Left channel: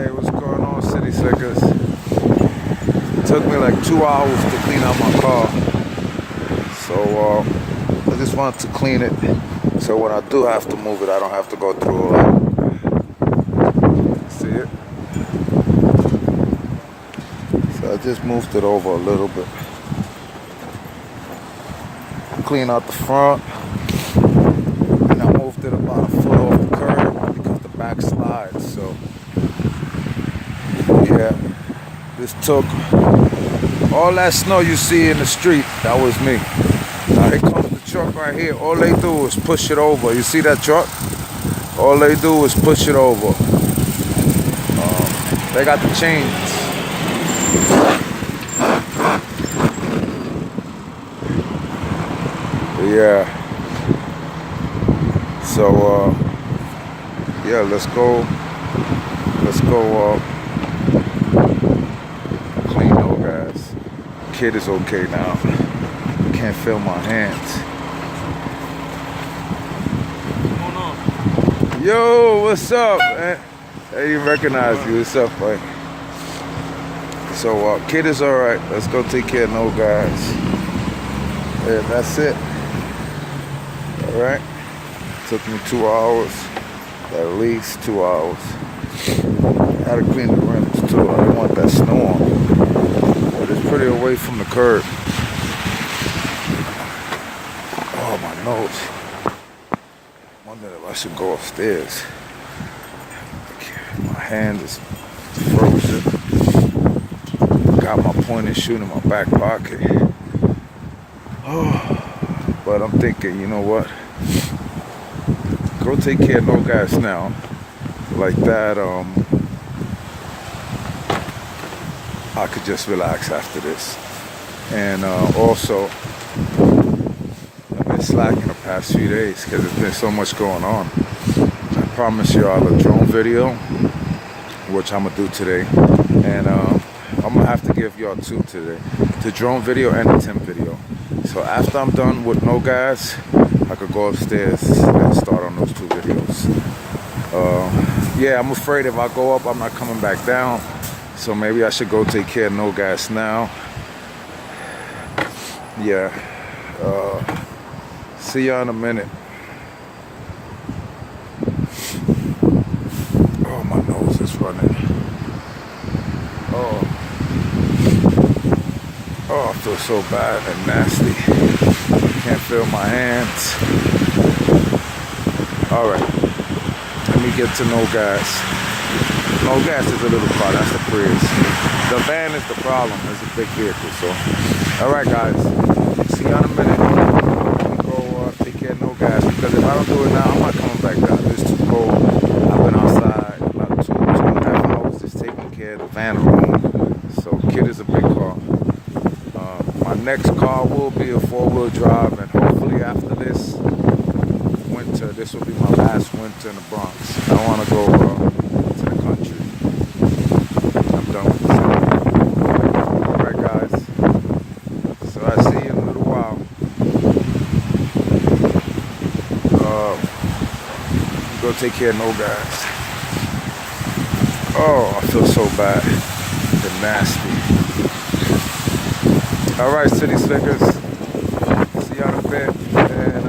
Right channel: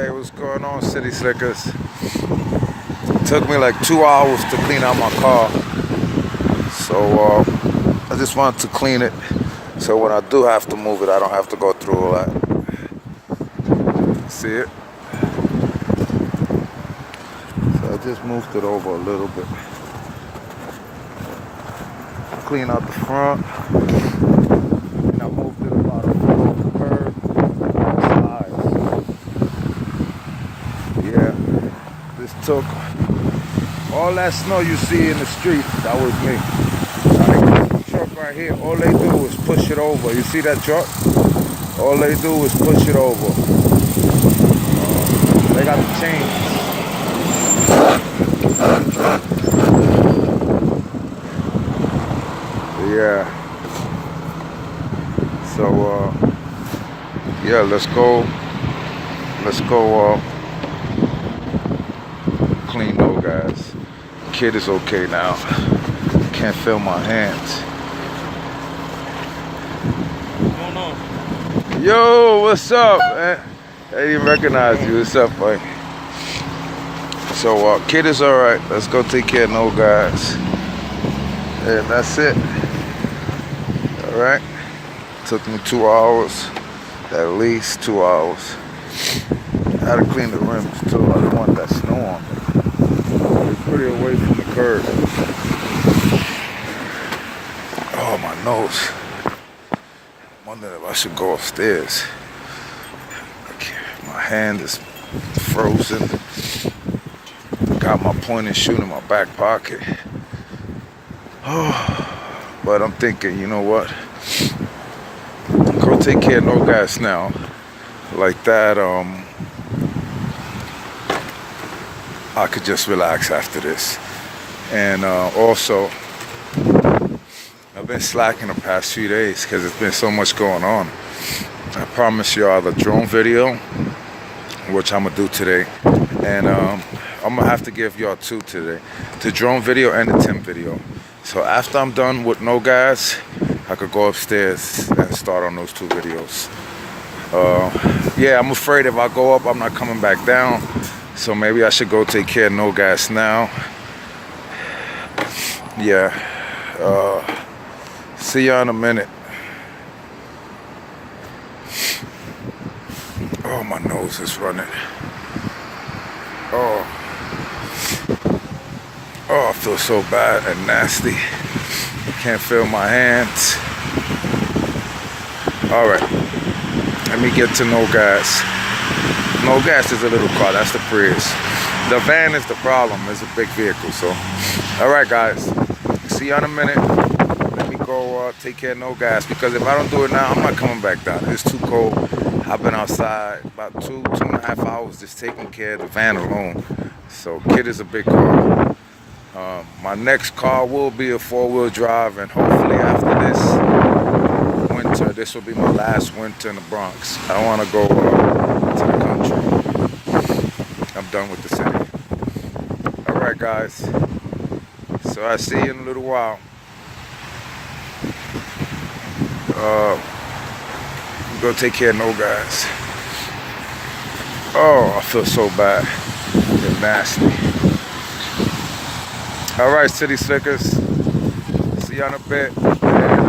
Hey, what's going on, City Slickers? It took me like 2 hours to clean out my car. So I just wanted to clean it. So when I do have to move it, I don't have to go through all that. See it? So I just moved it over a little bit. Clean out the front. And I moved it about a foot over the curb because the back slides. So yeah, this took all that snow you see in the street. That was me. The truck right here, all they do is push it over. You see that truck? All they do is push it over. They got the chains. Yeah. So yeah, let's go clean those guys. Kid is okay now. Can't feel my hands. Yo, what's up, man? I didn't recognize you. What's up, man? So kid is alright. Let's go take care of no guys. And that's it. Alright. Took me 2 hours. At least 2 hours. I had to clean the rims too. I didn't want that snow on me. It's pretty away from the curb. Oh, my nose. I'm wondering if I should go upstairs. My hand is frozen. Got my point and shoot in my back pocket. Oh, but I'm thinking, you know what? Go take care of no gas now. Like that, I could just relax after this. And also, I've been slacking the past few days because there's been so much going on. I promise y'all a drone video, which I'm gonna do today, and I'm gonna have to give y'all two today: the drone video and the Tim video. So after I'm done with no gas, I could go upstairs and start on those two videos. Yeah, I'm afraid if I go up, I'm not coming back down. So maybe I should go take care of no gas now. Yeah. See ya in a minute. Oh, my nose is running. Oh, I feel so bad and nasty. Can't feel my hands. All right, let me get to no gas. No gas is a little car, that's the Prius. The van is the problem, it's a big vehicle, so. All right, guys, see you in a minute. Let me go take care of no gas, because if I don't do it now, I'm not coming back down. It's too cold. I've been outside about 2.5 hours just taking care of the van alone. So kid is a big car. My next car will be a 4-wheel drive, and hopefully after this winter, this will be my last winter in the Bronx. I don't want to go to the country. I'm done with the city. All right, guys. So I see you in a little while. Go take care of no guys. Oh, I feel so bad and nasty. All right, City Slickers. See you in a bit, and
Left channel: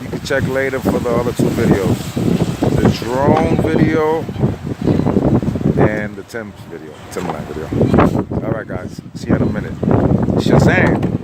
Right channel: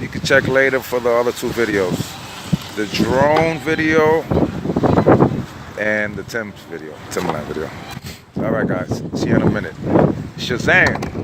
you can check later for the other two videos: the drone video and the Timberland video. All right, guys. See you in a minute. SHAZZAM.